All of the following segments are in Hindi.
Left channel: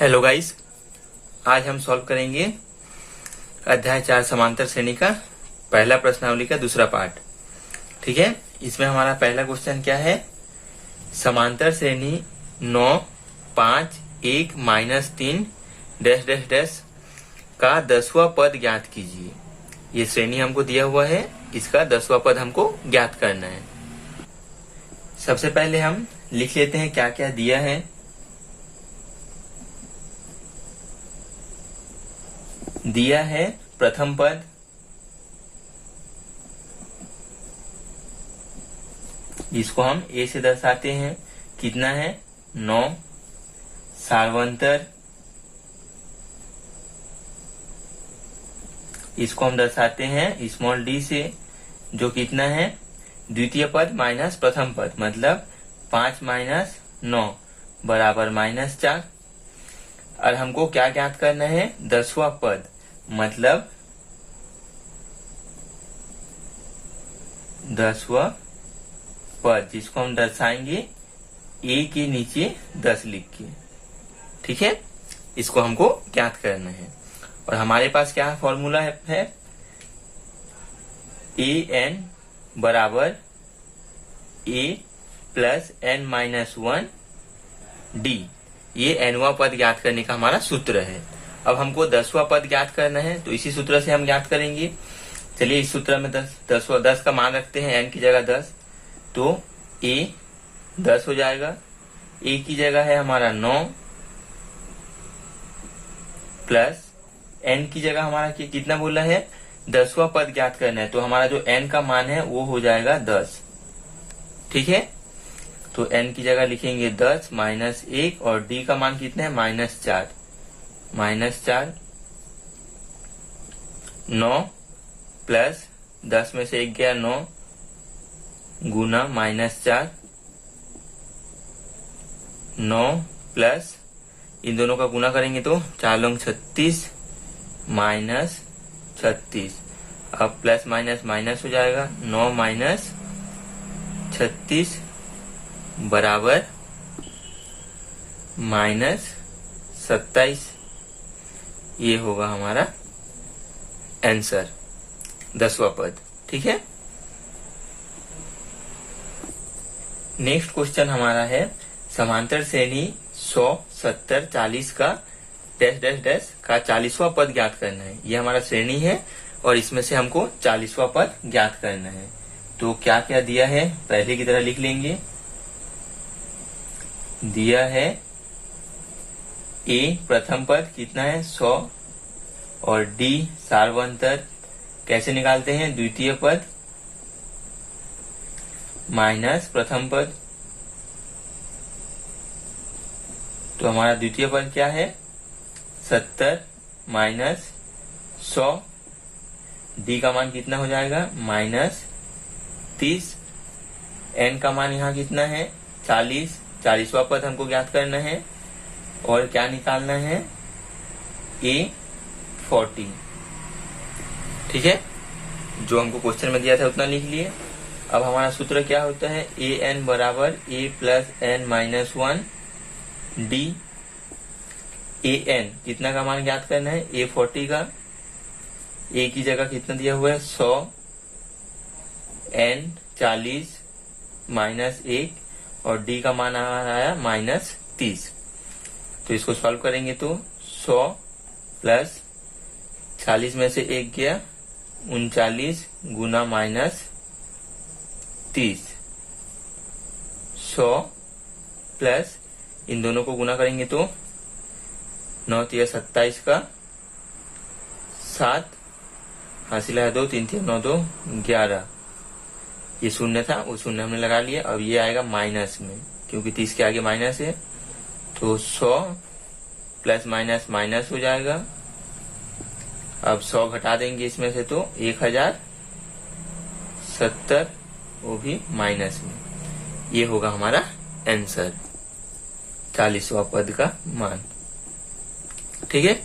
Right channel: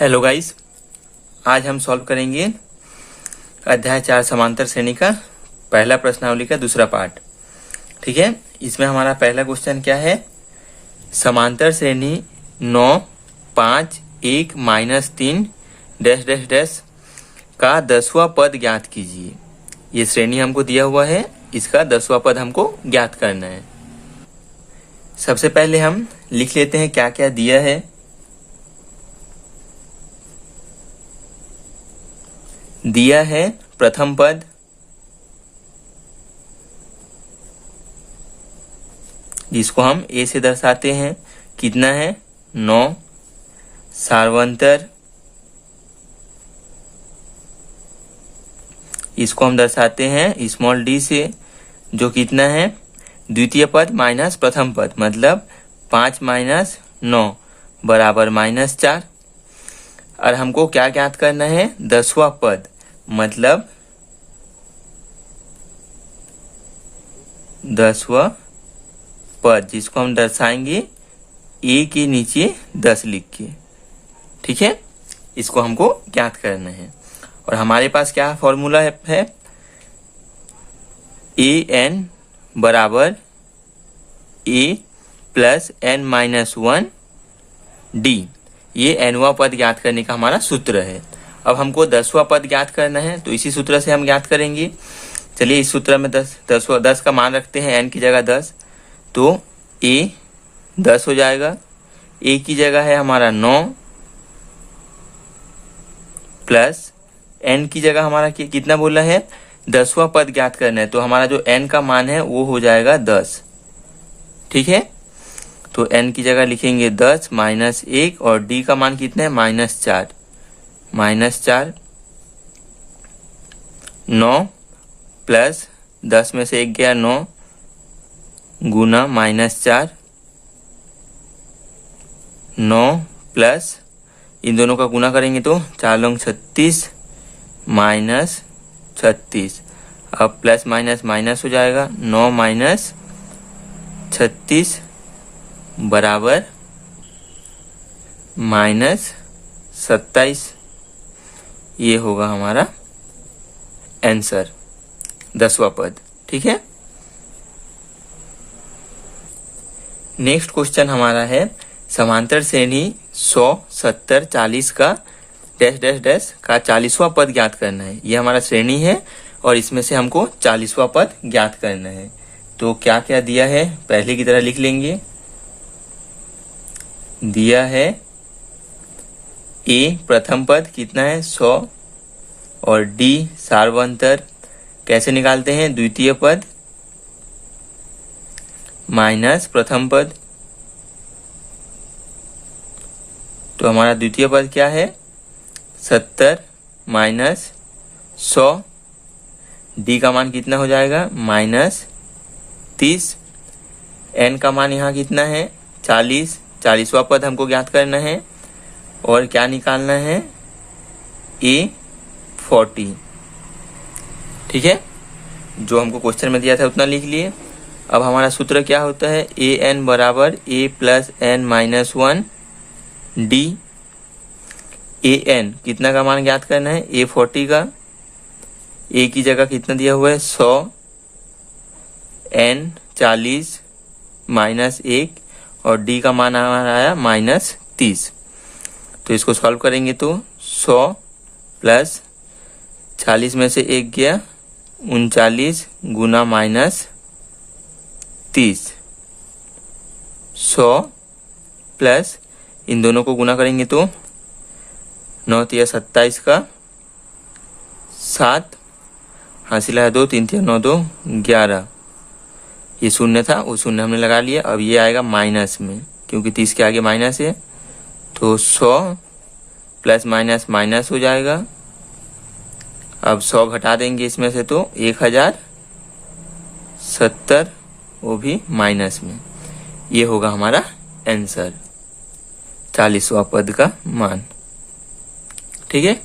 हेलो गाइस, आज हम सॉल्व करेंगे अध्याय 4 समांतर श्रेणी का पहला प्रश्नावली का दूसरा पार्ट। ठीक है, इसमें हमारा पहला क्वेश्चन क्या है? समांतर श्रेणी 9, 5, 1, -3 डैश डैश डैश का 10वां पद ज्ञात कीजिए। ये श्रेणी हमको दिया हुआ है, इसका 10वां पद हमको ज्ञात करना है। सबसे पहले हम लिख लेते हैं क्या क्या दिया है। दिया है प्रथम पद, जिसको हम ए से दर्शाते हैं, कितना है 9। सार्वंतर, इसको हम दर्शाते हैं स्मॉल डी से, जो कितना है द्वितीय पद माइनस प्रथम पद, मतलब 5 - 9 बराबर -4। और हमको क्या ज्ञात करना है? 10वां पद, मतलब 10वां पद, जिसको हम दर्शाएंगे ए के नीचे 10 लिख के। ठीक है, इसको हमको ज्ञात करना है। और हमारे पास क्या फॉर्मूला है? an बराबर a प्लस n-1 d। ये nवां पद ज्ञात करने का हमारा सूत्र है। अब हमको 10वां पद ज्ञात करना है, तो इसी सूत्र से हम ज्ञात करेंगे। चलिए, इस सूत्र में 10 का मान रखते हैं, n की जगह 10, तो a 10 हो जाएगा। a की जगह है हमारा 9 प्लस n की जगह हमारा कितना बोला है? 10वां पद ज्ञात करना है, तो हमारा जो n का मान है वो हो जाएगा 10। ठीक है, तो n की जगह लिखेंगे 10 -1 और d का मान कितना है? -4। -4 9 प्लस 10 में से 1 गया 9 गुना -4, 9 प्लस इन दोनों का गुना करेंगे तो 4 लौंग 36 -36। अब प्लस माइनस माइनस हो जाएगा, 9 - 36 बराबर -27। ये होगा हमारा आंसर, 10वां पद। ठीक है, नेक्स्ट क्वेश्चन हमारा है समांतर श्रेणी 100, 70, 40 का डैश डैश डैश का 40वां पद ज्ञात करना है। ये हमारा श्रेणी है और इसमें से हमको 40वां पद ज्ञात करना है। तो क्या क्या दिया है पहले की तरह लिख लेंगे। दिया है ए प्रथम पद कितना है 100 और डी सार्वंतर कैसे निकालते हैं? द्वितीय पद माइनस प्रथम पद। तो हमारा द्वितीय पद क्या है? 70 - 100। डी का मान कितना हो जाएगा? -30। एन का मान यहाँ कितना है? 40। 40वां पद हमको ज्ञात करना है और क्या निकालना है? A40। ठीक है, जो हमको क्वेश्चन में दिया था उतना लिख लिए। अब हमारा सूत्र क्या होता है? an बराबर a plus n-1 d। an कितना का मान ज्ञात करना है? A40 का। a की जगह कितना दिया हुआ है? 100, n 40 -1 और d का मान हमारा आया -30। तो इसको सॉल्व करेंगे तो 100 प्लस 40 में से 1 गया 39 गुना -30। 100 प्लस इन दोनों को गुना करेंगे तो 9 × 27 का 7, हासिल है 2, 3 × 9 = 2 11। ये शून्य था, वो शून्य हमने लगा लिया। अब ये आएगा माइनस में, क्योंकि 30 के आगे माइनस है, तो 100 प्लस माइनस माइनस हो जाएगा। अब 100 घटा देंगे इसमें से तो 1070, वो भी माइनस में। ये होगा हमारा आंसर, 40वां पद का मान। ठीक है,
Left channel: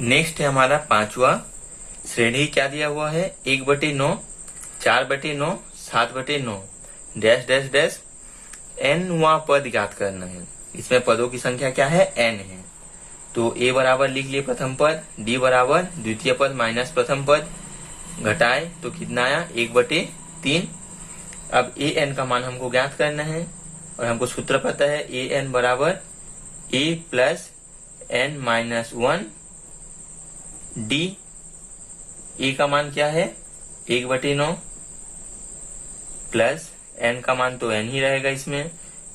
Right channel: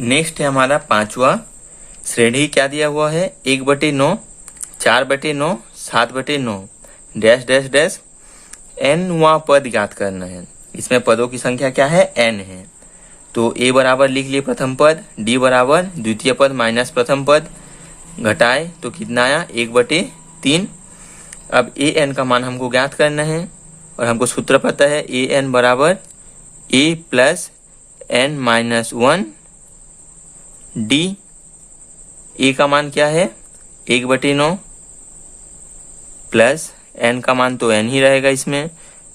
नेक्स्ट है हमारा 5वां। श्रेणी क्या दिया हुआ है? 1/9, 4/9, 7/9 डैश डैश डैश n वां पद ज्ञात करना है। इसमें पदों की संख्या क्या है, n है। तो a बराबर लिख लिए प्रथम पद, d बराबर द्वितीय पद माइनस प्रथम पद, घटाए तो कितना आया 1/3। अब an का मान हमको ज्ञात करना है और हमको सूत्र पता है an बराबर a plus n minus 1 d। a का मान क्या है 1/9 प्लस n का मान तो n ही रहेगा, इसमें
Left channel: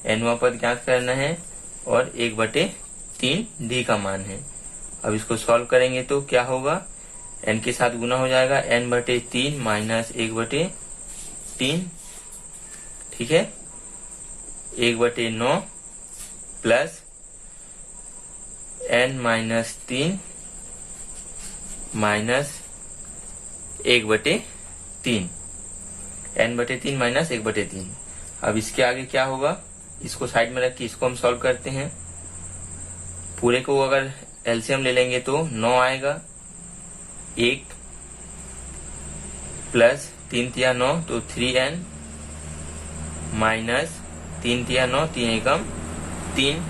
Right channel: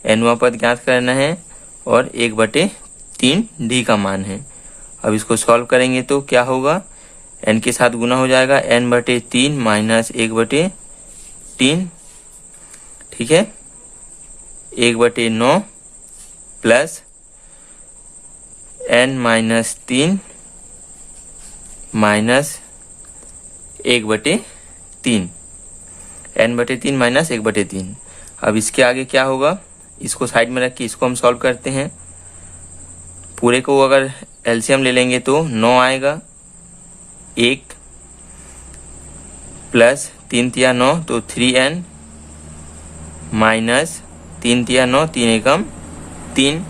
nवां पद ज्ञात करना है और 1/3 d का मान है। अब इसको सॉल्व करेंगे तो क्या होगा, n के साथ गुना हो जाएगा, n/3 माइनस 1/3, ठीक है, 1/9 plus n minus 3 minus 1/3, n/3 minus 1/3। अब इसके आगे क्या होगा, इसको साइड में रख के इसको हम सॉल्व करते हैं। पूरे को अगर एलसीएम ले लेंगे तो 9 आएगा, 1 प्लस 3 तिया 9 तो 3n माइनस 3 तिया 9, 3 एकम 3।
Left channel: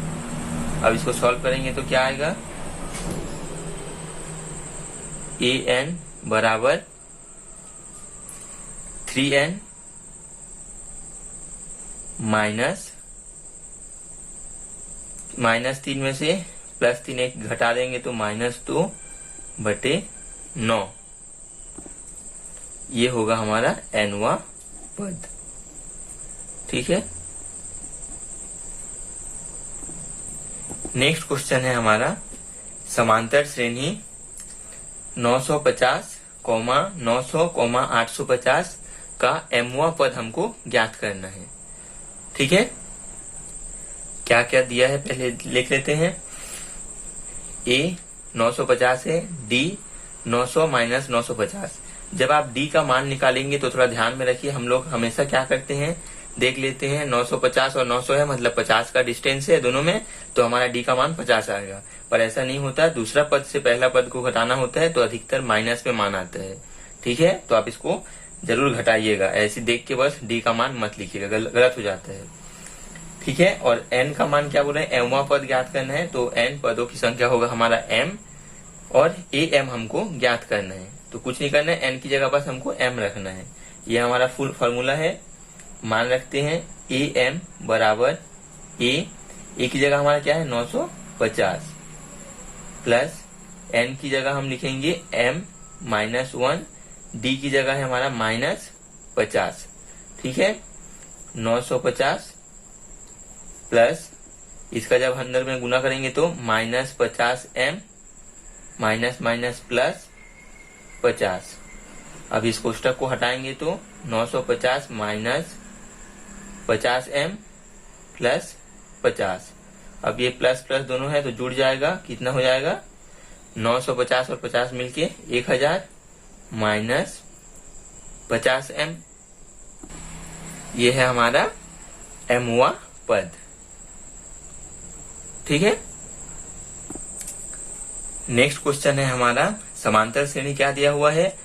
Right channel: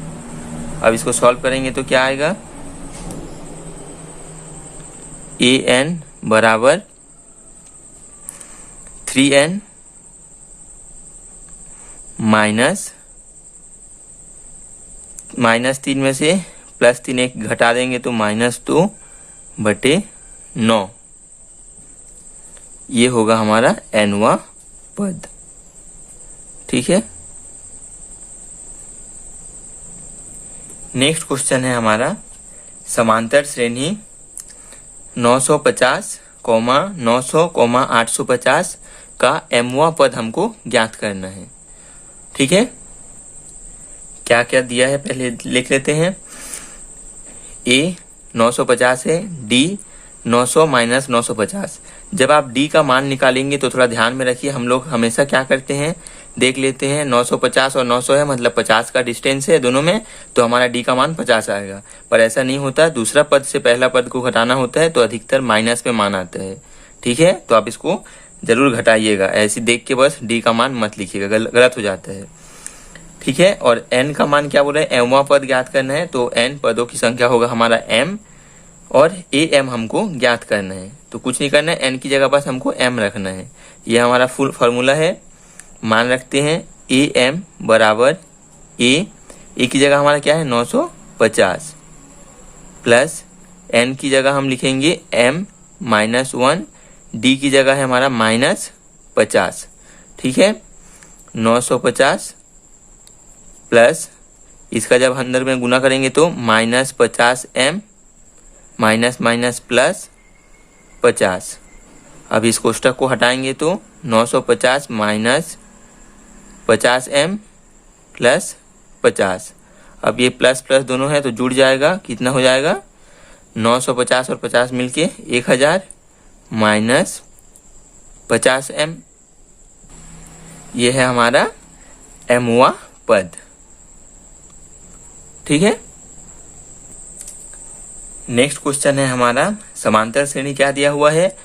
अब इसको सॉल्व करेंगे तो क्या आएगा, an बराबर 3n माइनस 3 में से प्लस 3 एक घटा देंगे तो -2/9। ये होगा हमारा nवां पद, ठीक है। नेक्स्ट क्वेश्चन है हमारा समांतर श्रेणी 950, 900, 850 का mवां पद हमको ज्ञात करना है, ठीक है। क्या क्या दिया है पहले लिख लेते हैं। a 950 है, d 900 माइनस 950। जब आप d का मान निकालेंगे तो थोड़ा ध्यान में रखिए, हम लोग हमेशा क्या करते हैं, देख लेते हैं 950 और 900 है, मतलब 50 का डिस्टेंस है दोनों में, तो हमारा d का मान 50 आएगा। पर ऐसा नहीं होता, दूसरा पद से पहला पद को घटाना होता है तो अधिकतर माइनस में मान आता है, ठीक है। तो आप इसको जरूर घटाइएगा, ऐसे देख के बस d का मान मत लिखिएगा, गलत हो जाता है, ठीक है। और n का मान क्या बोल रहे हैं, mवां पद ज्ञात करना है, तो n पदों की संख्या होगा हमारा m और am हमको ज्ञात करना है। तो कुछ नहीं करना है, n की जगह बस हमको m रखना है। ये हमारा फुल फॉर्मूला है। मान रखते हैं am बराबर a की जगह हमारा क्या है 950 प्लस n की जगह हम लिखेंगे m माइनस 1, d की जगह है हमारा -50, ठीक है। 950 प्लस इसका जब अंदर में गुना करेंगे तो -50m माइनस माइनस प्लस 50। अब इस कोष्टक को हटाएंगे तो 950 माइनस 50m प्लस 50। अब ये प्लस प्लस दोनों है तो जुड़ जाएगा, कितना हो जाएगा 950 और 50 मिलके 1000 माइनस 50m। ये है हमारा mवां पद, ठीक है। नेक्स्ट क्वेश्चन है हमारा समांतर श्रेणी क्या दिया हुआ है,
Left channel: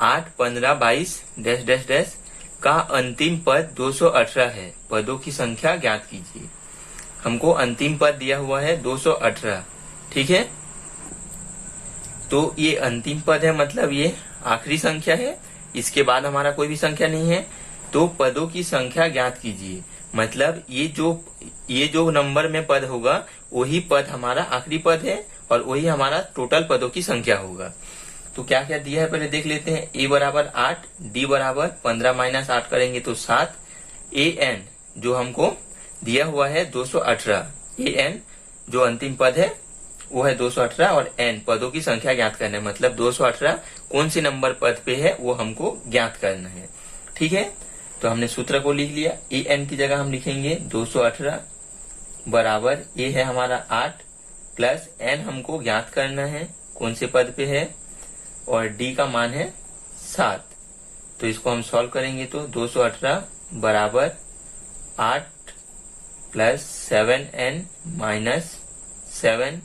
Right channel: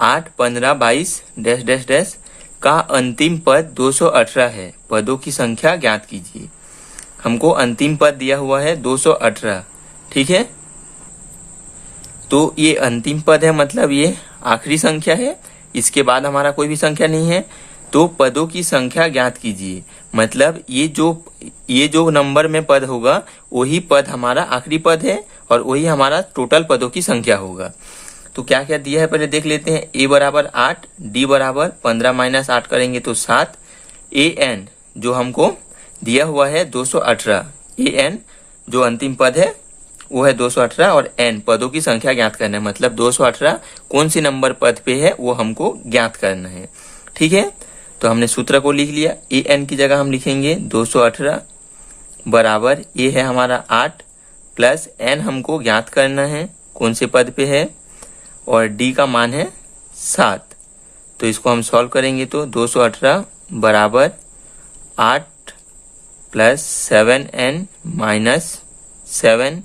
8, 15, 22 डैश डैश डैश का अंतिम पद 218 है, पदों की संख्या ज्ञात कीजिए। हमको अंतिम पद दिया हुआ है 218, ठीक है। तो ये अंतिम पद है, मतलब ये आखिरी संख्या है, इसके बाद हमारा कोई भी संख्या नहीं है। तो पदों की संख्या ज्ञात कीजिए, मतलब ये जो नंबर में पद होगा वही पद हमारा आखिरी पद है और वही हमारा टोटल पदों की संख्या होगा। तो क्या क्या दिया है पहले देख लेते हैं। a बराबर 8, d बराबर 15 माइनस 8 करेंगे तो 7, an जो हमको दिया हुआ है 218, an जो अंतिम पद है वो है 218 और n पदों की संख्या ज्ञात करना है, मतलब 218 कौन सी नंबर पद पे है वो हमको ज्ञात करना है, ठीक है। तो हमने सूत्र को लिख लिया, an की जगह हम लिखेंगे 218 बराबर a है हमारा 8 प्लस n हमको ज्ञात करना है कौन से पद पे है और d का मान है 7। तो इसको हम सॉल्व करेंगे तो 218 बराबर 8 प्लस 7n माइनस 7।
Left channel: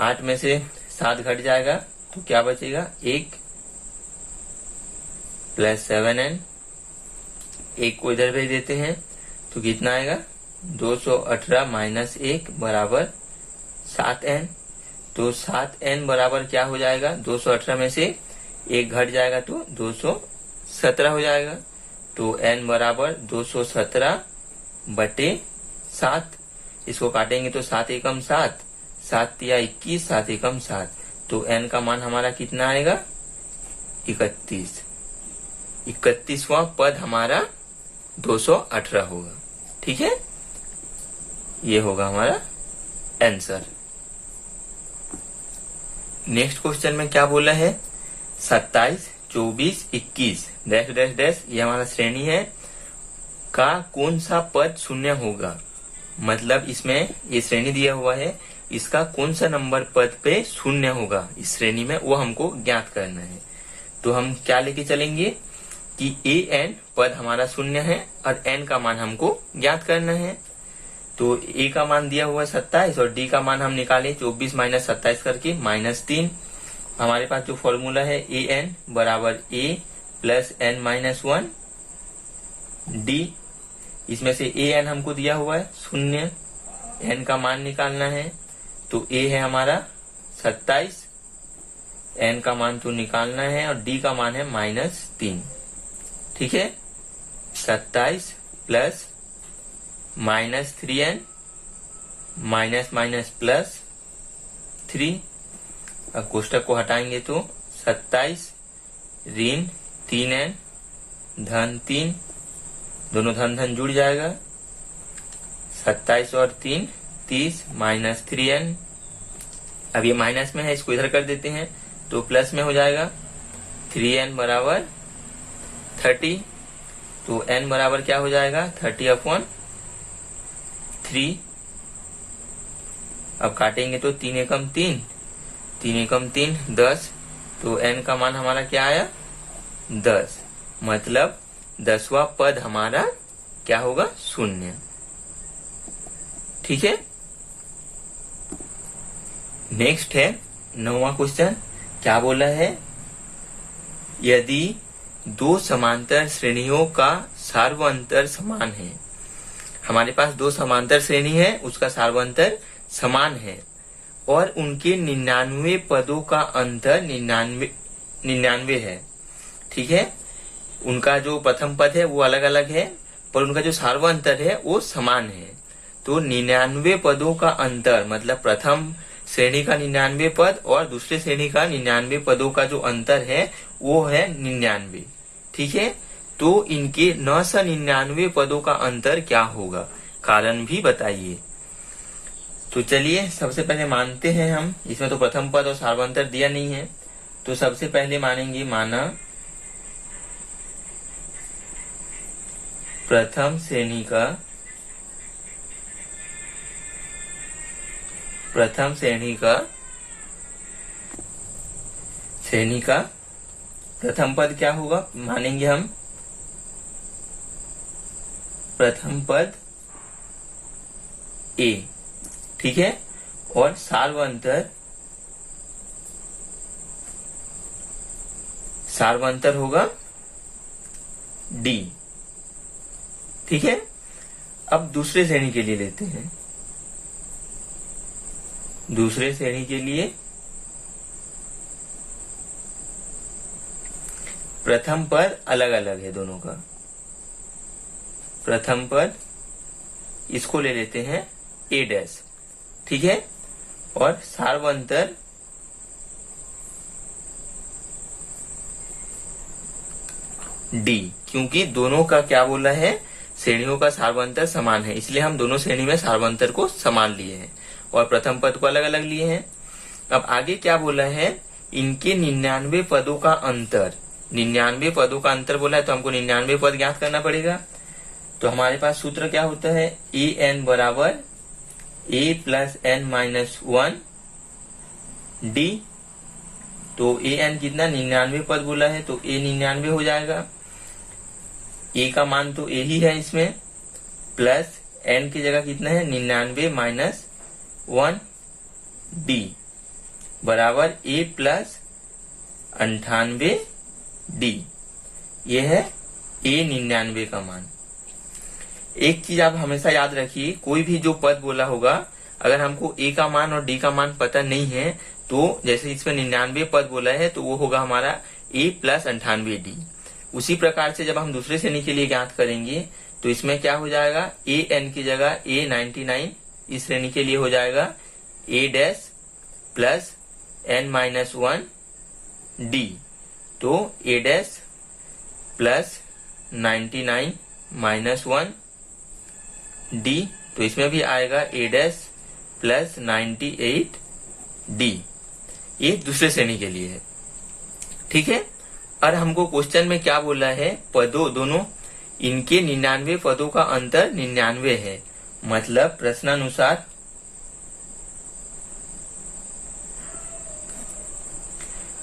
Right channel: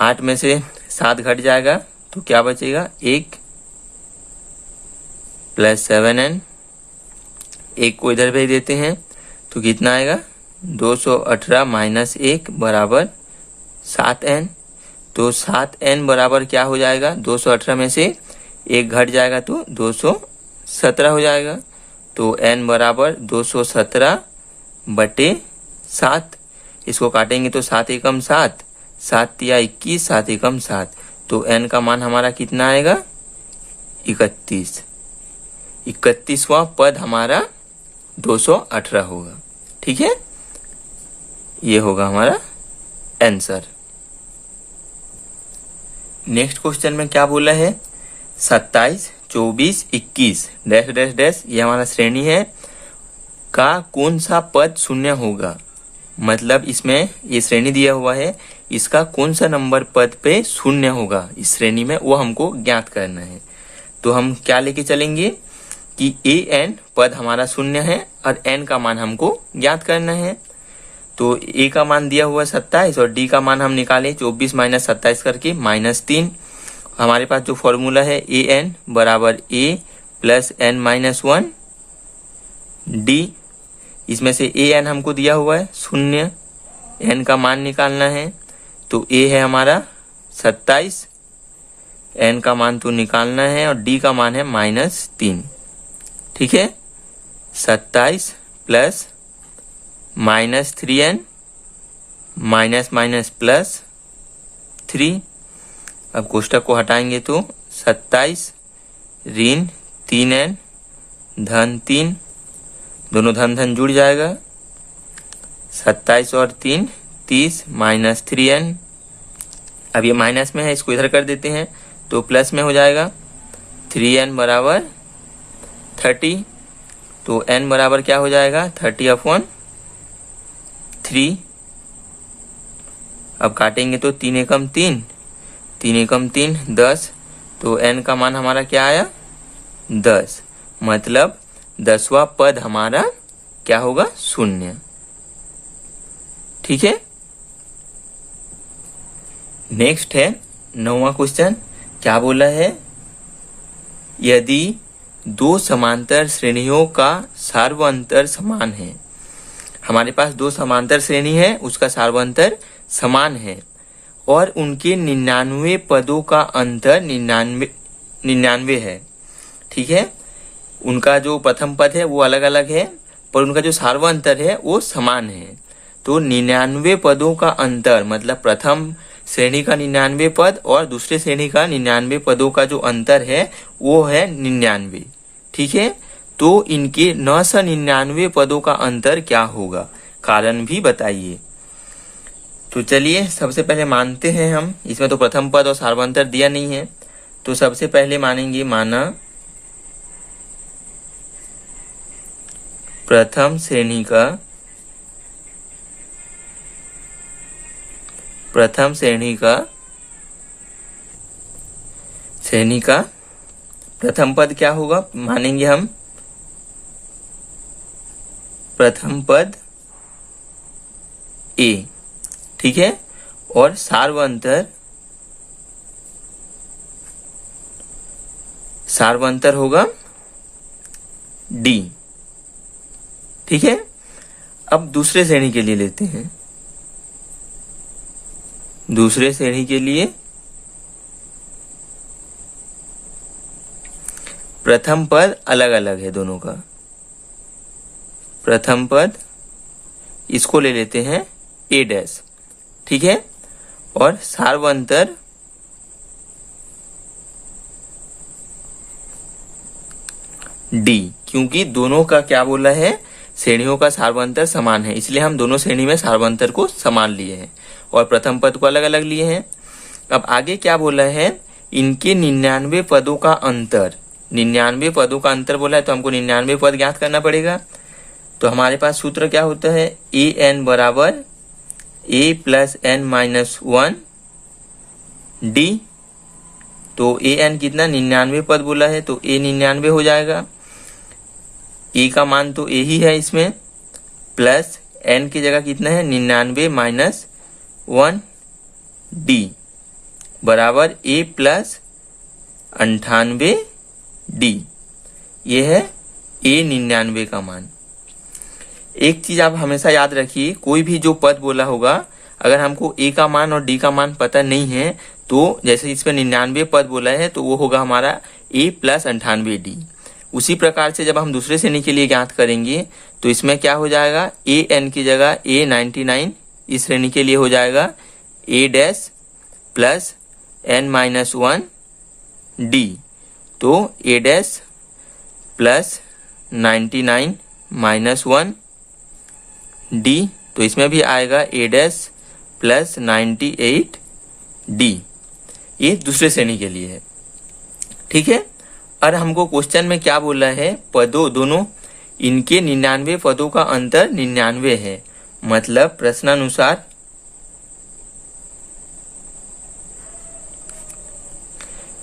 8 में से 7 घट जाएगा तो क्या बचेगा 1 प्लस 7n, 1 को इधर भेज देते हैं तो कितना आएगा 218 माइनस 1 बराबर 7n। तो 7n बराबर क्या हो जाएगा, 218 में से 1 घट जाएगा तो 217 हो जाएगा। तो n बराबर 217 बटे 7। इसको काटेंगे तो 7 एकम 7, 7 तिया 21, 7 एकम 7। तो n का मान हमारा कितना आएगा, 31। 31वां पद हमारा 218 होगा। ठीक है, ये होगा हमारा आंसर। नेक्स्ट क्वेश्चन में क्या बोला है, 27, 24, 21 डैश डैश डैश, ये हमारा श्रेणी है का कौन सा पद शून्य होगा। मतलब इसमें ये श्रेणी दिया हुआ है, इसका कौन सा नंबर पद पे शून्य होगा इस श्रेणी में, वो हमको ज्ञात करना है। तो हम क्या लेके चलेंगे कि an पद हमारा शून्य है और n का मान हमको ज्ञात करना है। तो a का मान दिया हुआ है 27 और d का मान हम निकाले 24 माइनस 27 करके -3। हमारे पास जो फॉर्मूला है an बराबर a plus n minus 1 d। इसमें से an हमको दिया हुआ है 0, n का मान निकालना है। तो a है हमारा 27, n का मान तो निकालना है और d का मान है -3। ठीक है, 27 plus -3n minus minus plus 3। अब कोष्टक को हटाएंगे तो 27 ऋण 3n धन 3, दोनों धन धन जुड़ जाएगा। 27 और 3 30 माइनस 3n। अब ये माइनस में है, इसको इधर कर देते हैं तो प्लस में हो जाएगा। 3n बराबर 30। तो n बराबर क्या हो जाएगा, 30/3। अब काटेंगे तो 3 एकम 3, 3 एकम 3 10। तो n का मान हमारा क्या आया, 10। मतलब 10वां पद हमारा क्या होगा, 0। ठीक है, नेक्स्ट है 9वां क्वेश्चन। क्या बोला है, यदि दो समांतर श्रेणियों का सार्वअंतर समान है। हमारे पास दो समांतर श्रेणी है, उसका सार्वअंतर समान है और उनके 99 पदों का अंतर 99 है। ठीक है, उनका जो प्रथम पद है वो अलग अलग है पर उनका जो सार्वअंतर है वो समान है। तो 99 पदों का अंतर मतलब प्रथम श्रेणी का 99 पद और दूसरे श्रेणी का 99 पदों का जो अंतर है वो है 99। ठीक है, तो इनके 999 पदों का अंतर क्या होगा, कारण भी बताइए। तो चलिए सबसे पहले मानते हैं हम, इसमें तो प्रथम पद और सार्वअंतर दिया नहीं है। तो सबसे पहले मानेंगे, माना प्रथम श्रेणी का प्रथम पद क्या होगा, मानेंगे हम प्रथम पद a। ठीक है, और सार्वअंतर होगा d। ठीक है, अब दूसरे श्रेणी के लिए लेते हैं। दूसरे श्रेणी के लिए प्रथम पद अलग अलग है दोनों का। प्रथम पद इसको ले लेते हैं a डैश। ठीक है, और सार्वअंतर d, क्योंकि दोनों का क्या बोला है, श्रेणियों का सार्वअंतर समान है, इसलिए हम दोनों श्रेणी में सार्वअंतर को समान लिए हैं और प्रथम पद को अलग अलग लिए हैं। अब आगे क्या बोला है, इनके 99 पदों का अंतर। 99 पदों का अंतर बोला है तो हमको 99 पद ज्ञात करना पड़ेगा। तो हमारे पास सूत्र क्या होता है, an बराबर a plus n minus 1 d। तो an कितना, 99 पद बोला है तो a 99 हो जाएगा। a का मान तो a ही है इसमें, प्लस n की जगह कितना है 99 माइनस 1 d बराबर a प्लस 98 d। ये है a 99 का मान। एक चीज आप हमेशा याद रखिए, कोई भी जो पद बोला होगा, अगर हमको ए का मान और डी का मान पता नहीं है तो जैसे इसमें 99 पद बोला है तो वो होगा हमारा ए प्लस 98 डी। उसी प्रकार से जब हम दूसरे श्रेणी के लिए ज्ञात करेंगे तो इसमें क्या हो जाएगा, ए एन की जगह ए 99 इस श्रेणी के लिए हो जाएगा A dash plus N minus 1 D. तो A dash plus 99 minus 1 D, तो इसमें भी आएगा ए डैश प्लस 98 डी। ये दूसरे श्रेणी के लिए है। ठीक है, और हमको क्वेश्चन में क्या बोला है, पदों दोनों इनके 99 पदों का अंतर 99 है, मतलब प्रश्नानुसार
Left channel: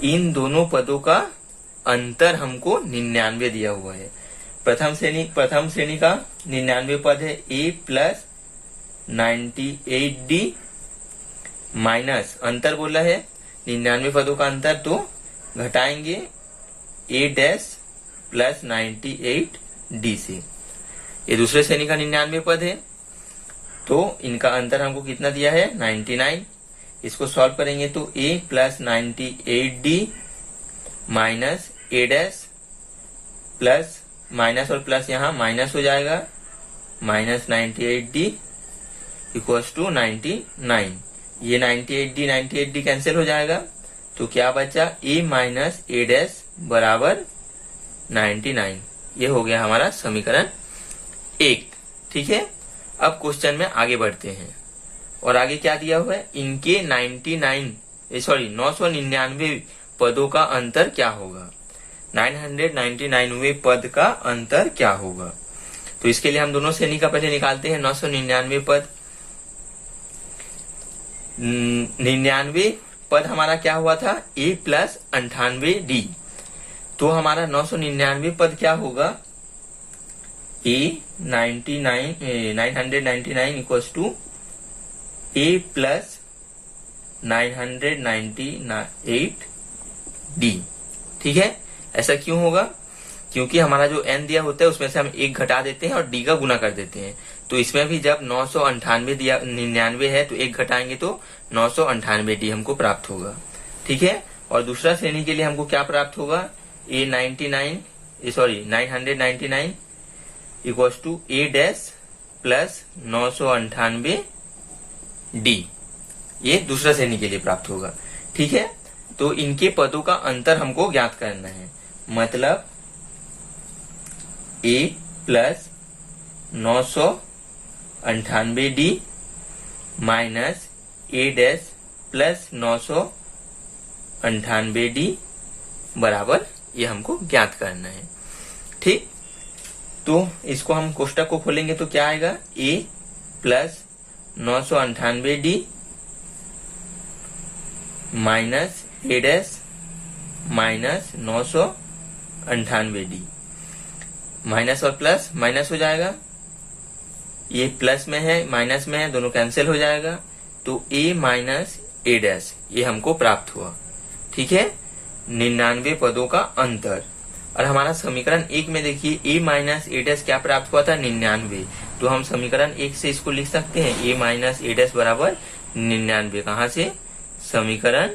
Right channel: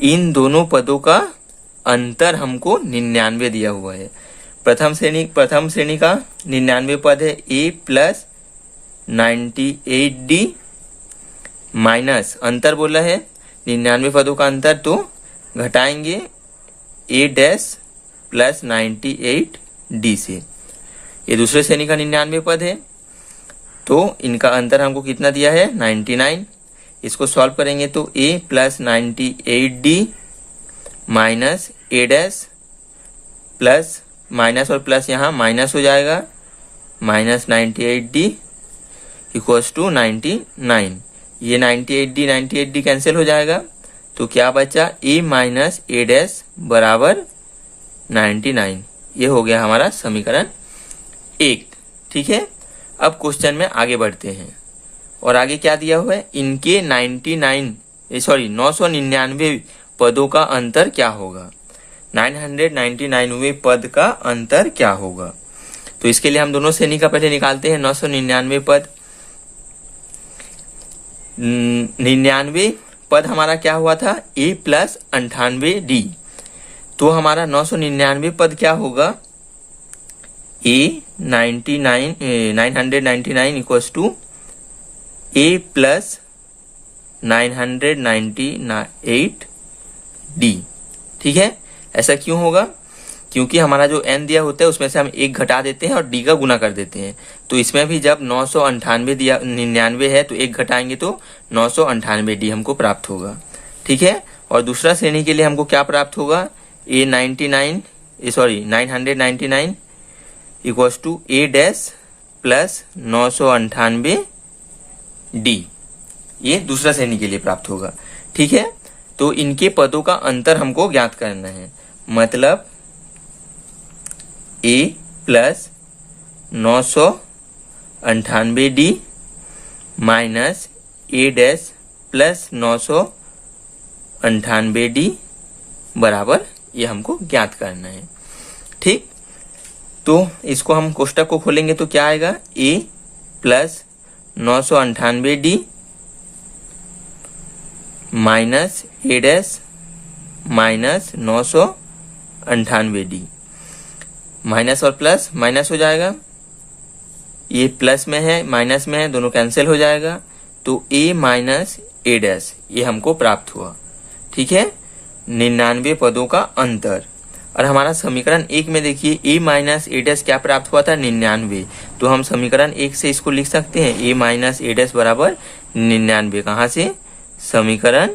इन दोनों पदों का अंतर हमको 99 दिया हुआ है। प्रथम श्रेणी का 99 पद है ए प्लस 98 डी माइनस अंतर बोला है 99 पदों का अंतर, तो घटाएंगे ए डैश प्लस 98 डी से। ये दूसरे श्रेणी का 99 पद है, तो इनका अंतर हमको कितना दिया है 99। इसको सॉल्व करेंगे तो ए प्लस 98 डी माइनस ए डैश प्लस माइनस और प्लस यहाँ माइनस हो जाएगा माइनस 98 डी इक्वल्स टू 99। ये 98 डी कैंसिल हो जाएगा, तो क्या बचा ए माइनस ए डैश बराबर 99। ये हो गया हमारा समीकरण 1। ठीक है, अब क्वेश्चन में आगे बढ़ते हैं और आगे क्या दिया हुआ है, इनके 999 पदों का अंतर क्या होगा, 999वें पद का अंतर क्या होगा। तो इसके लिए हम दोनों श्रेणी का पहले निकालते हैं 999 पद। 99 पद हमारा क्या हुआ था, ए प्लस 98 डी। तो हमारा 999 पद क्या होगा, A 999 equals to A plus 998 D. ठीक है, ऐसा क्यों होगा, क्योंकि हमारा जो n दिया होता है उसमें से हम एक घटा देते हैं और d का गुना कर देते हैं। तो इसमें भी जब 998 दिया 99 है तो एक घटाएंगे तो 998 डी हमको प्राप्त होगा। ठीक है, और दूसरा श्रेणी के लिए हमको क्या प्राप्त होगा, A 999 equals to A dash plus 998 D. ये दूसरा श्रेणी के लिए प्राप्त होगा। ठीक है, तो इनके पदों का अंतर हमको ज्ञात करना है, मतलब ए प्लस 998 डी माइनस ए डैश प्लस 998 डी बराबर, ये हमको ज्ञात करना है। ठीक, तो इसको हम कोष्टक को खोलेंगे तो क्या आएगा, ए प्लस 998 डी माइनस ए डैश माइनस 998 डी, माइनस और प्लस माइनस हो जाएगा, ये प्लस में है माइनस में है, दोनों कैंसिल हो जाएगा, तो ए माइनस ए डैश ये हमको प्राप्त हुआ। ठीक है, 99 पदों का अंतर। और हमारा समीकरण 1 में देखिए ए माइनस ए डैश क्या प्राप्त हुआ था, 99। तो हम समीकरण 1 से इसको लिख सकते हैं, ए माइनस ए डैश बराबर 99। कहाँ से, समीकरण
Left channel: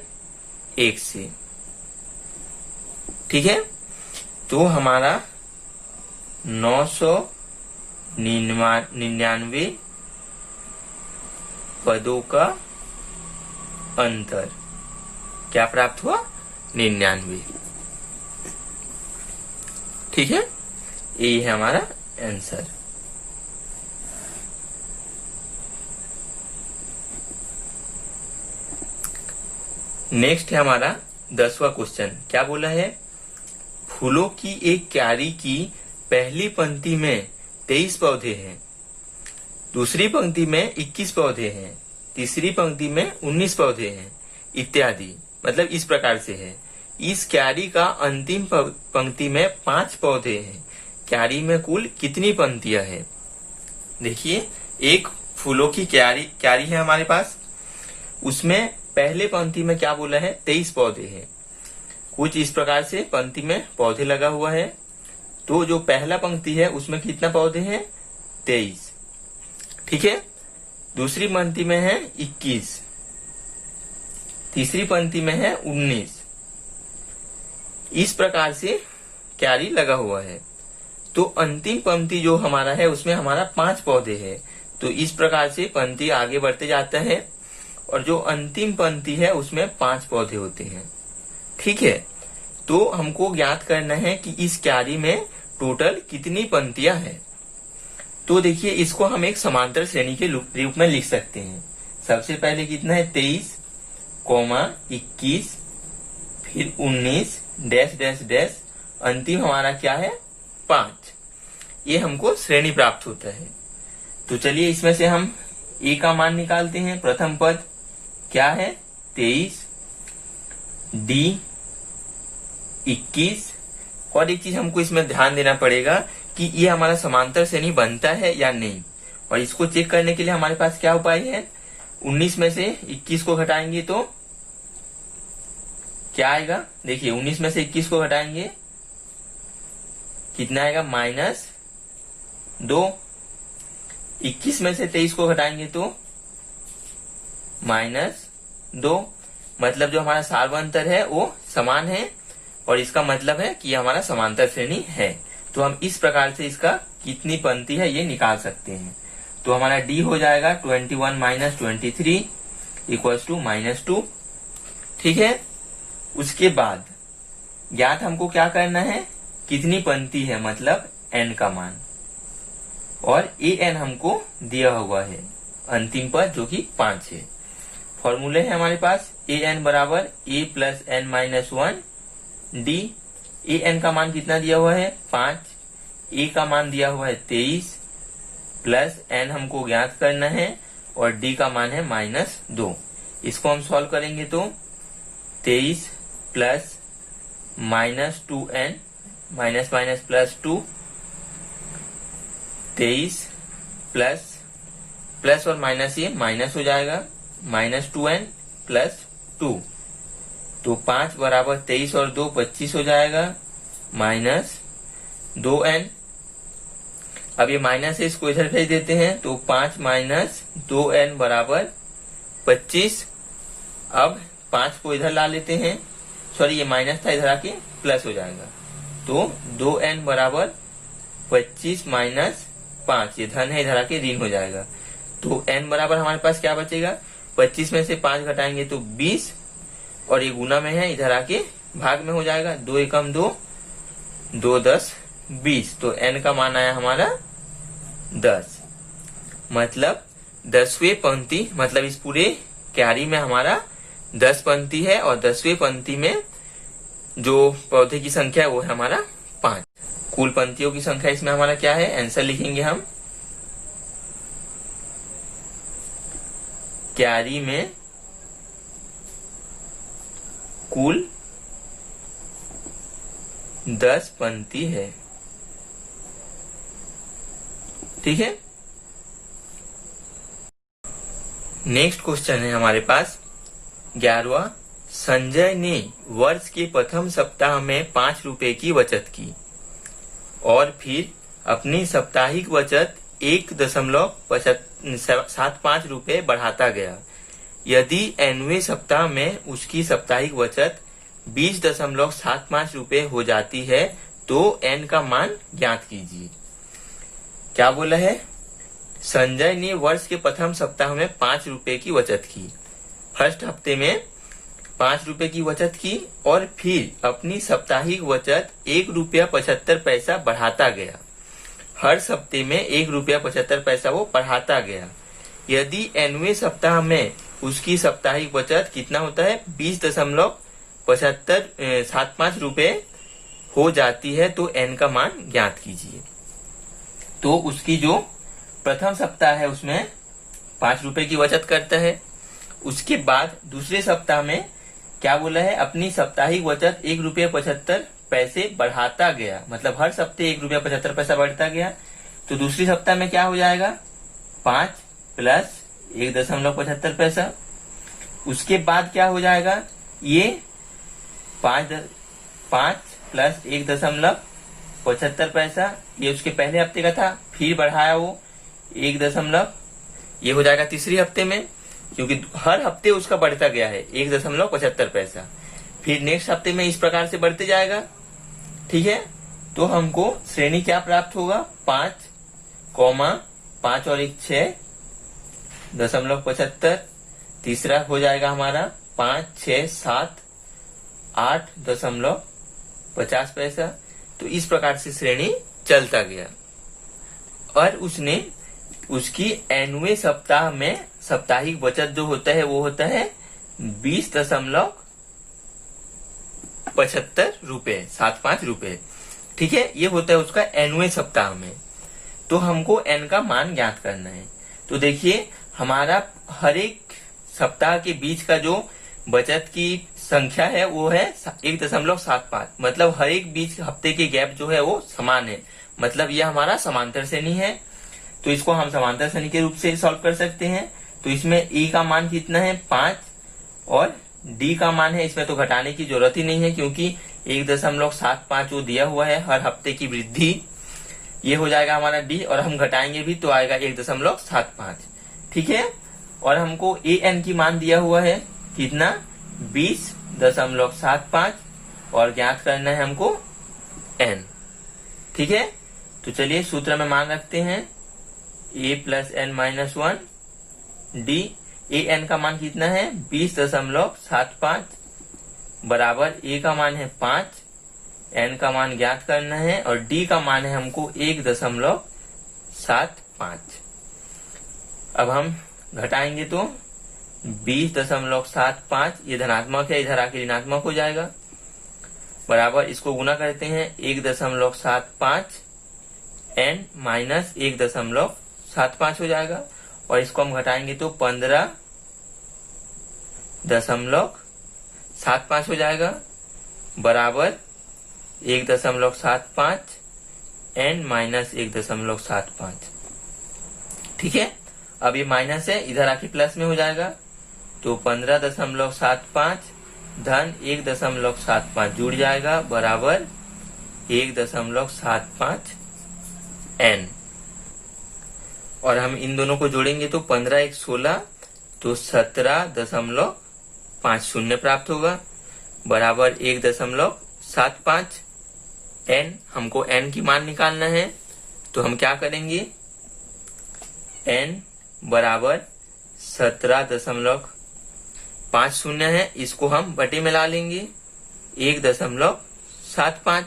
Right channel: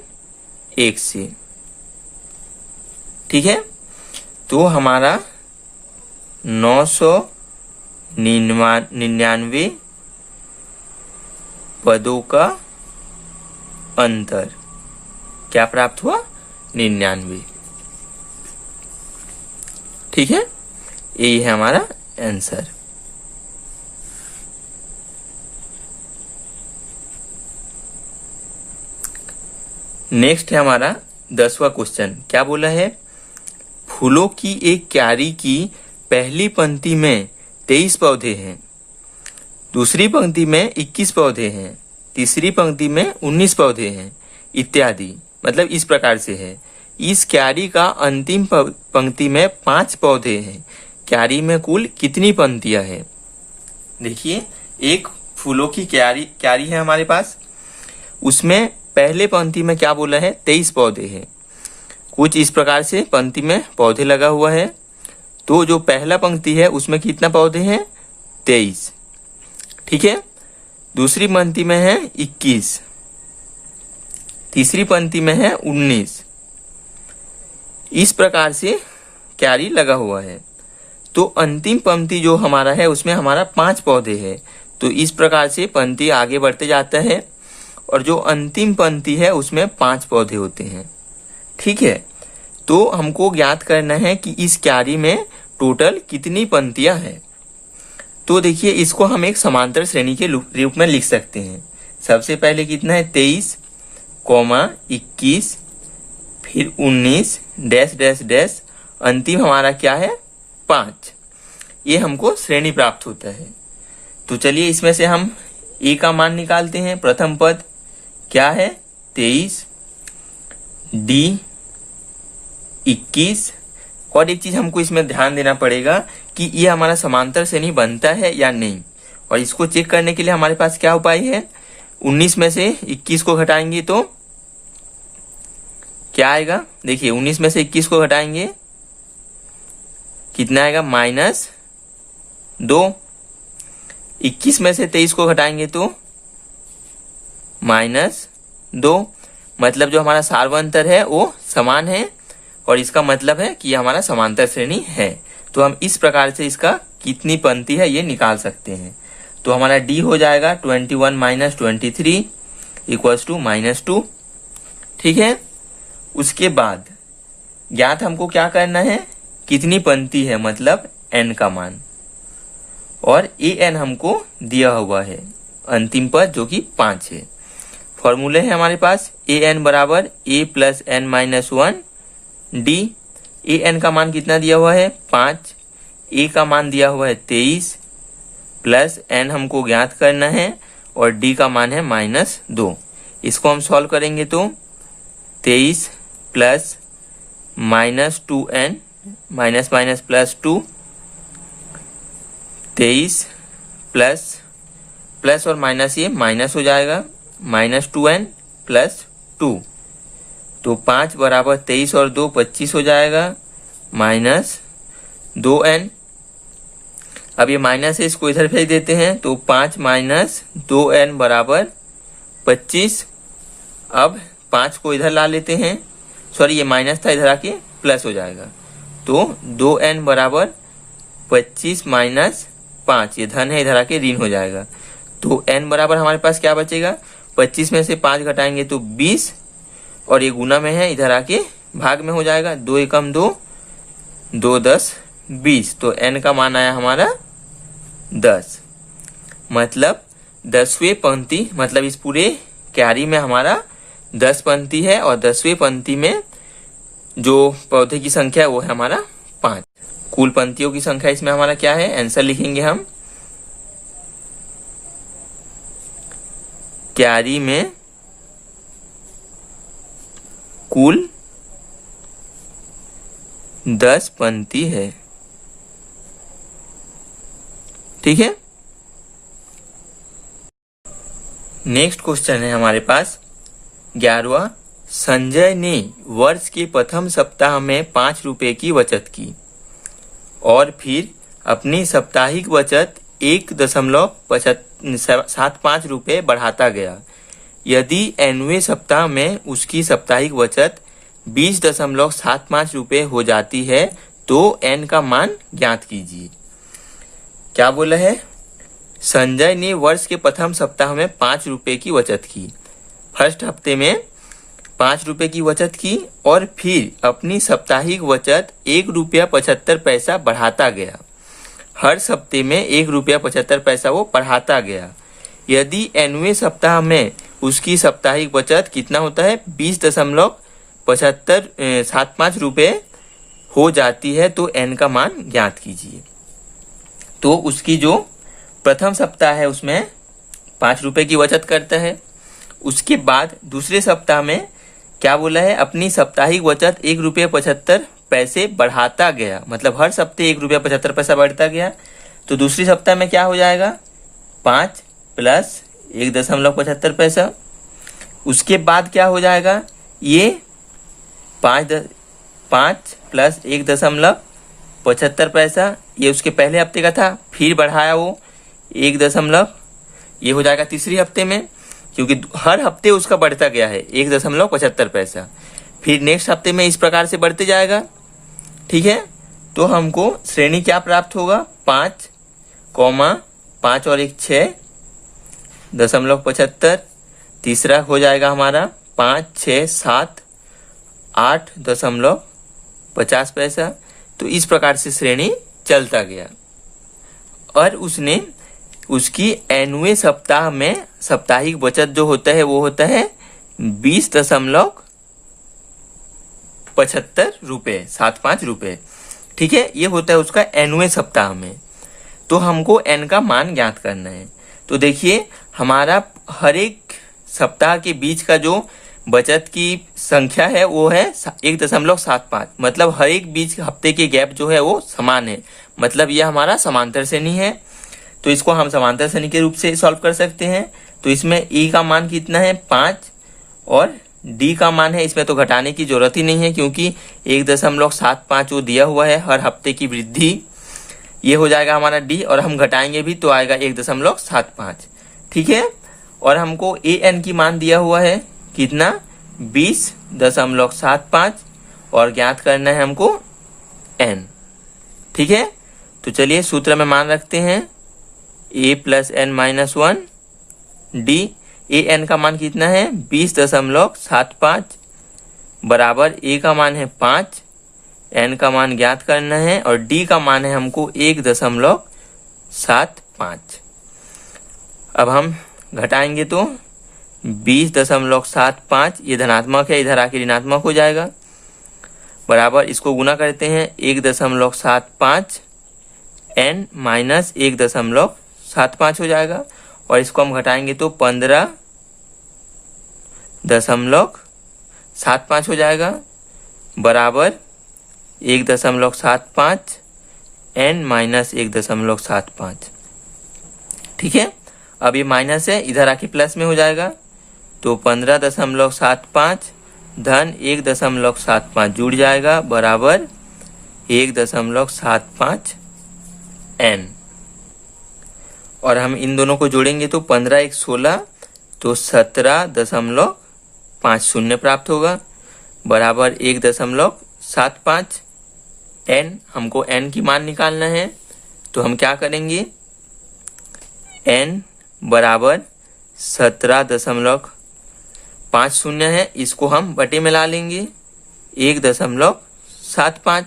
1 से। ठीक है, तो हमारा 999 पदों का अंतर क्या प्राप्त हुआ, 99। ठीक है, यही है हमारा आंसर। नेक्स्ट है हमारा 10वां क्वेश्चन। क्या बोला है, फूलों की एक क्यारी की पहली पंक्ति में 23 पौधे हैं, दूसरी पंक्ति में 21 पौधे हैं, तीसरी पंक्ति में 19 पौधे हैं इत्यादि। मतलब इस प्रकार से है, इस क्यारी का अंतिम पंक्ति में 5 पौधे हैं, क्यारी में कुल कितनी पंक्तियां हैं। देखिए, एक फूलों की क्यारी है हमारे पास, उसमें पहले पंक्ति में क्या बोला है, 23 पौधे हैं। कुछ इस प्रकार से पंक्ति में पौधे लगा हुआ है, तो जो पहला पंक्ति है उसमें कितना पौधे हैं, 23। ठीक है, दूसरी पंक्ति में है 21, तीसरी पंक्ति में है 19। इस प्रकार से क्यारी लगा हुआ है। तो अंतिम पंक्ति जो हमारा है उसमें हमारा 5 पौधे हैं। तो इस प्रकार से पंक्ति आगे बढ़ते जाता है और जो अंतिम पंक्ति है उसमें 5 पौधे होते हैं। ठीक है, तो हमको ज्ञात करना है कि इस क्यारी में टोटल कितनी पंक्तियां हैं। तो देखिए, इसको हम एक समांतर श्रेणी के रूप में लिख सकते हैं। सबसे पहले कितना है 23, 21, फिर 19 डैश डैश डैश, अंतिम हमारा क्या है 5। ये हमको श्रेणी प्राप्त होता है। तो चलिए इसमें से हम ए का मान निकालते हैं। प्रथम पद क्या है 23, डी 21। और एक चीज हमको इसमें ध्यान देना पड़ेगा कि ये हमारा समांतर श्रेणी बनता है या नहीं। और इसको चेक करने के लिए हमारे पास क्या उपाय है, 19 में से 21 को घटाएंगे तो क्या आएगा। देखिए 19 में से 21 को घटाएंगे कितना आएगा -2। 21 में से 23 को घटाएंगे तो -2। मतलब जो हमारा सार्वंतर है वो समान है और इसका मतलब है कि ये हमारा समांतर श्रेणी है। तो हम इस प्रकार से इसका कितनी पंक्ति है ये निकाल सकते हैं। तो हमारा डी हो जाएगा 21 - 23 इक्वल्स टू -2। ठीक है, उसके बाद ज्ञात हमको क्या करना है, कितनी पंक्ति है मतलब n का मान, और an हमको दिया हुआ है अंतिम पद जो कि 5 है। फॉर्मूले है हमारे पास an बराबर a plus n minus 1 D. an का मान कितना दिया हुआ है 5, a का मान दिया हुआ है 23 प्लस n हमको ज्ञात करना है और d का मान है -2। इसको हम सॉल्व करेंगे तो 23 plus -2n minus minus plus 2, 23 plus और माइनस ये माइनस हो जाएगा -2n प्लस 2। तो 5 बराबर 23 और 2 25 हो जाएगा -2n। अब ये माइनस है, इसको इधर भेज देते हैं तो 5 - 2n बराबर 25। अब 5 को इधर ला लेते हैं, सॉरी ये माइनस था, इधर आके प्लस हो जाएगा। तो 2n बराबर 25 - 5, ये धन है इधर आके ऋण हो जाएगा। तो n बराबर हमारे पास क्या बचेगा, 25 में से 5 घटाएंगे तो 20 और ये गुना में है इधर आके भाग में हो जाएगा। 2 एकम 2, 2 10 20। तो n का मान आया हमारा 10। मतलब 10वीं पंक्ति, मतलब इस पूरे क्यारी में हमारा 10 पंक्ति है और 10वीं पंक्ति में जो पौधे की संख्या है वो है हमारा 5। कुल पंक्तियों की संख्या इसमें हमारा क्या है, आंसर लिखेंगे हम क्यारी में कुल 10 पंक्ति है। ठीक है, नेक्स्ट क्वेश्चन है हमारे पास 11वां। संजय ने वर्ष के प्रथम सप्ताह में 5 रुपए की बचत की और फिर अपनी साप्ताहिक बचत 1.75 रुपए बढ़ाता गया। यदि nवें सप्ताह में उसकी साप्ताहिक बचत 20.75 रुपए हो जाती है तो n का मान ज्ञात कीजिए। क्या बोला है, संजय ने वर्ष के प्रथम सप्ताह में 5 रुपए की बचत की। फर्स्ट हफ्ते में 5 रुपए की बचत की और फिर अपनी साप्ताहिक बचत 1 रुपया 75 पैसा बढ़ाता गया। हर सप्ते में 1 रुपया 75 पैसा वो बढ़ाता गया। यदि nवें सप्ताह में उसकी साप्ताहिक बचत कितना होता है 20.75 रुपए हो जाती है तो n का मान ज्ञात कीजिए। तो उसकी जो प्रथम सप्ताह है उसमें 5 रुपए की बचत करता है। उसके बाद दूसरे सप्ताह में क्या बोला है, अपनी साप्ताहिक बचत 1 रुपया 75 पैसे बढ़ाता गया। मतलब हर सप्ते 1 रुपया 75 पैसा बढ़ता गया। तो दूसरी सप्ताह में क्या हो जाएगा 5 प्लस 1.75 पैसा। उसके बाद क्या हो जाएगा, ये 5 प्लस 1.75 पैसा, ये उसके पहले हफ्ते का था, फिर बढ़ाया वो 1 दशमलव, ये हो जाएगा तीसरी हफ्ते में, क्योंकि हर हफ्ते उसका बढ़ता गया है 1.75 पैसा। फिर नेक्स्ट हफ्ते में इस प्रकार से बढ़ते जाएगा। ठीक है, तो हमको श्रेणी क्या प्राप्त होगा, 5, 5 और 1 6.75। तीसरा हो जाएगा हमारा 5, 6, 7, 8.50 पैसा। तो इस प्रकार से श्रेणी चलता गया और उसने उसकी एनवे सप्ताह में साप्ताहिक बचत जो होता है वो होता है 20.75 रुपए, 75 रुपए। ठीक है, ये होता है उसका एनवे सप्ताह में। तो हमको एन का मान ज्ञात करना है। तो देखिए हमारा हर एक सप्ताह के बीच का जो बचत की संख्या है वो है 1.75, मतलब हर एक बीच हफ्ते के गैप जो है वो समान है, मतलब यह हमारा समांतर श्रेणी है। तो इसको हम समांतर श्रेणी के रूप से सॉल्व कर सकते हैं। तो इसमें ई का मान कितना है, 5, और डी का मान है, इसमें तो घटाने की जरूरत ही नहीं है क्योंकि 1.75 वो दिया हुआ है हर हफ्ते की वृद्धि, ये हो जाएगा हमारा डी, और हम घटाएंगे भी तो आएगा 1.75। ठीक है, और हमको ए एन की मान दिया हुआ है कितना, 20.75, और ज्ञात करना है हमको एन। ठीक है, तो चलिए सूत्र में मान रखते हैं a + n-1 D. A N का मान कितना है 20.75 बराबर ए का मान है 5, एन का मान ज्ञात करना है, और डी का मान है हमको 1.75। अब हम घटाएंगे तो 20.75, ये धनात्मक है, इधर आके ऋणात्मक हो जाएगा, बराबर इसको गुना करते हैं 1.75 n माइनस 1.75 हो जाएगा, और इसको हम घटाएंगे तो 15.75 हो जाएगा, बराबर 1.75 n माइनस 1.75। ठीक है, अब ये माइनस है, इधर आके प्लस में हो जाएगा, तो 15.75 धन 1.75 जुड़ जाएगा, बराबर 1.75 n। और हम इन दोनों को जोड़ेंगे तो 15 1 16, तो 17.50 प्राप्त होगा, बराबर 1.75 n। हमको n की मान निकालना है, तो हम क्या करेंगे, n बराबर 17.50 है, इसको हम बटे में ला लेंगे 1.75।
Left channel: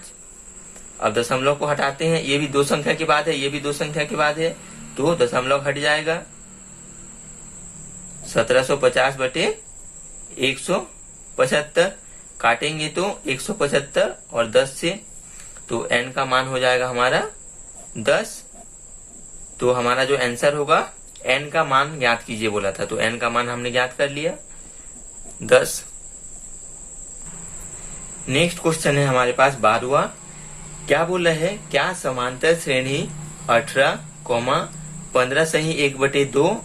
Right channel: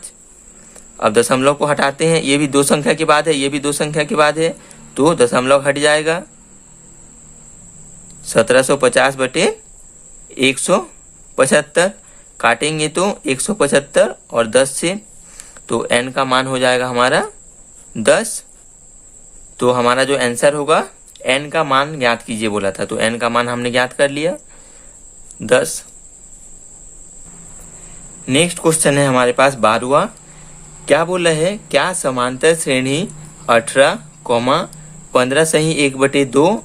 अब दशमलव को हटाते हैं, ये भी दो संख्या के बाद है, ये भी दो संख्या के बाद है, तो दशमलव हट जाएगा, 1750 बटे 175, काटेंगे तो 175 और 10 से, तो n का मान हो जाएगा हमारा 10। तो हमारा जो आंसर होगा, n का मान ज्ञात कीजिए बोला था, तो n का मान हमने ज्ञात कर लिया 10। नेक्स्ट क्वेश्चन है हमारे पास 12वां। क्या बोला है, क्या समांतर श्रेणी 18, 15 सही 1/2,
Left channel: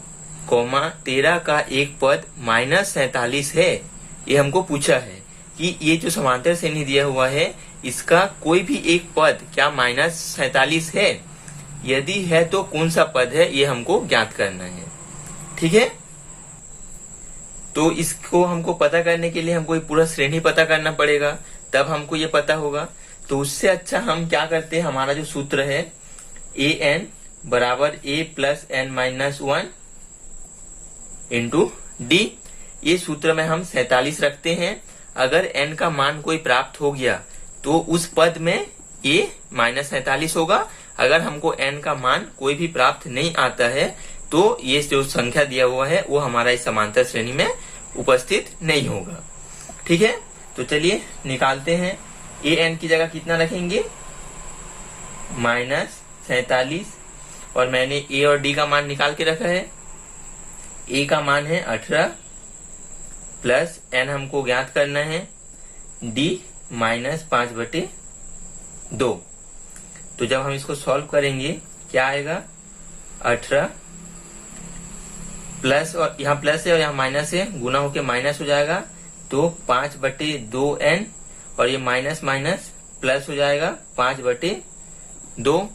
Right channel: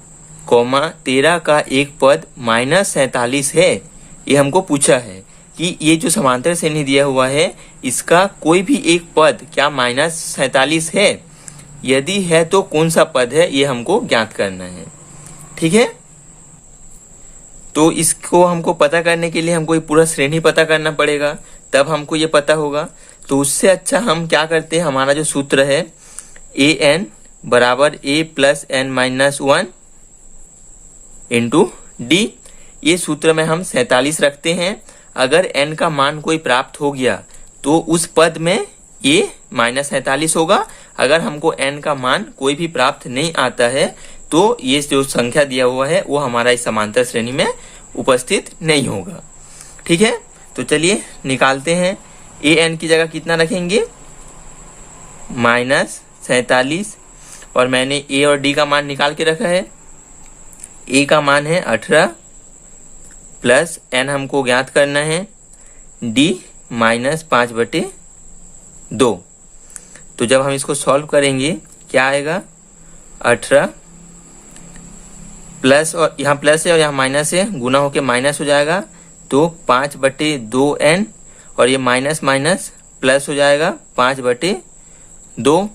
13 का एक पद -47 है। ये हमको पूछा है कि ये जो समांतर श्रेणी दिया हुआ है इसका कोई भी एक पद क्या -47 है, यदि है तो कौन सा पद है, ये हमको ज्ञात करना है। ठीक है, तो इसको हमको पता करने के लिए हमको ये पूरा श्रेणी पता करना पड़ेगा, तब हमको ये पता होगा। तो उससे अच्छा हम क्या करते हैं, हमारा जो सूत्र है ए एन बराबर a + n-1 इंटू डी, ये सूत्र में हम 47 रखते हैं। अगर n का मान कोई प्राप्त हो गया तो उस पद में ये -47 होगा। अगर हमको n का मान कोई भी प्राप्त नहीं आता है तो ये जो संख्या दिया हुआ है वो हमारा इस समांतर श्रेणी में उपस्थित नहीं होगा। ठीक है, तो चलिए निकालते हैं। ए एन की जगह कितना रखेंगे, -47, और मैंने ए और डी का मान निकाल के रखा है। ए का मान है 18 प्लस एन हमको ज्ञात करना है, डी -5/2। तो जब हम इसको सॉल्व करेंगे क्या आएगा, 18 प्लस, और यहाँ प्लस है और यहाँ माइनस है, गुना होके माइनस हो जाएगा, तो 5/2n, और ये माइनस माइनस प्लस हो जाएगा 5/2,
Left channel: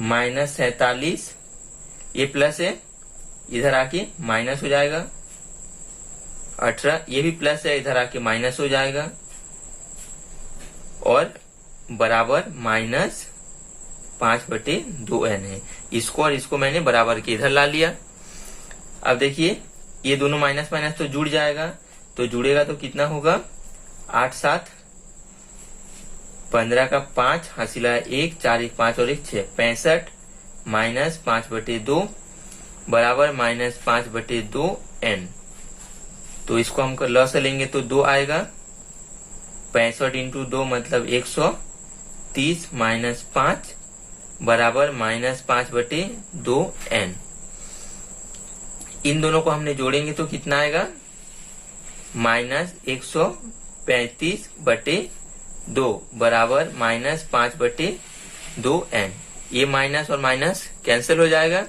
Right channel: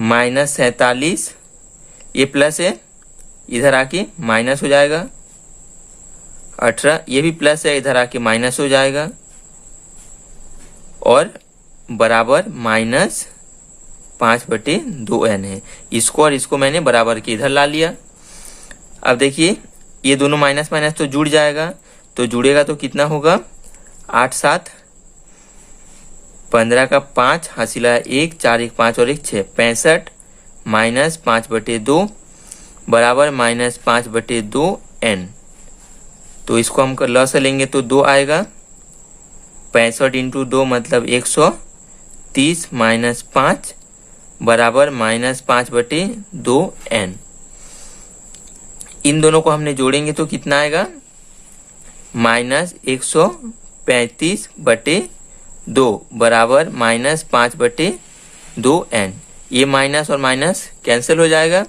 -47 ये प्लस है, इधर आके माइनस हो जाएगा। 18 ये भी प्लस है, इधर आके माइनस हो जाएगा और बराबर -5/2n है। इसको और इसको मैंने बराबर के इधर ला लिया। अब देखिए ये दोनों माइनस माइनस तो जुड़ जाएगा, तो जुड़ेगा तो कितना होगा 8 7 15 का 5 हासिला 1 4 1 5 और 1 6 65 -5/2 बराबर -5/2n। तो इसको हम ल से लेंगे तो 2 आएगा। 65 × 2 मतलब 130 -5 बराबर -5/2n। इन दोनों को हमने जोड़ेंगे तो कितना आएगा -135/2 बराबर -5/2n। ये माइनस और माइनस कैंसिल हो जाएगा।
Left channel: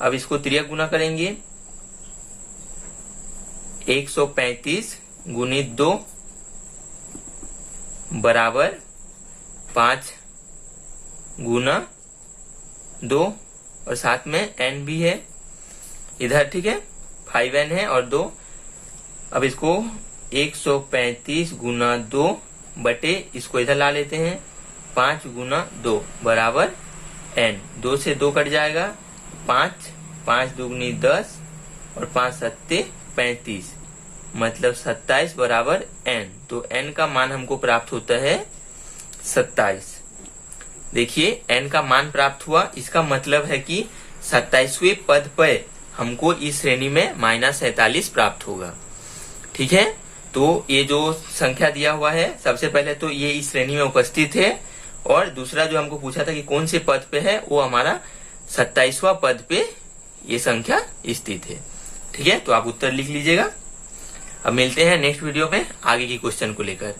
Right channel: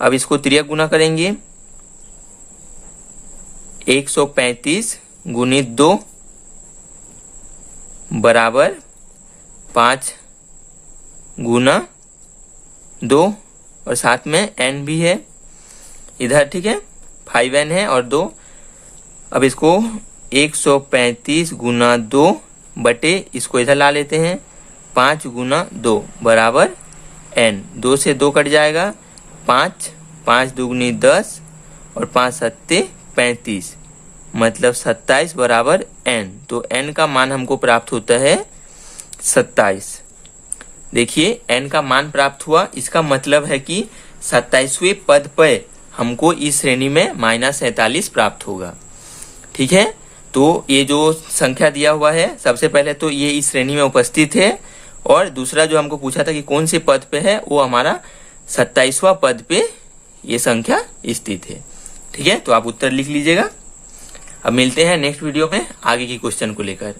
अब इसको त्रियक गुना करेंगे। 135 गुणित 2 बराबर 5 गुना 2 और साथ में n भी है इधर, ठीक है 5n है और 2। अब इसको 135 गुना 2 बटे इसको इधर ला लेते हैं 5 गुना 2 बराबर n। 2 से 2 कट जाएगा 5 5 दूगुनी 10 और 5 सत्ते 35 मतलब 27 बराबर n। तो n का मान हमको प्राप्त होता है 27। देखिए n का मान प्राप्त हुआ, इसका मतलब है कि 27वें पद पर हमको इस श्रेणी में -47 प्राप्त होगा। ठीक है, तो ये जो संख्या दिया हुआ है सबसे पहले तो ये इस श्रेणी में उपस्थित है और दूसरा जो हमको पूछा था कि कौन से पद पे है वो हमारा 27वां पद पे ये संख्या स्थित है। ठीक है, तो आप उत्तर लिख लीजिएगा। अब मिलते हैं नेक्स्ट वीडियो में आगे की क्वेश्चन को लेकर।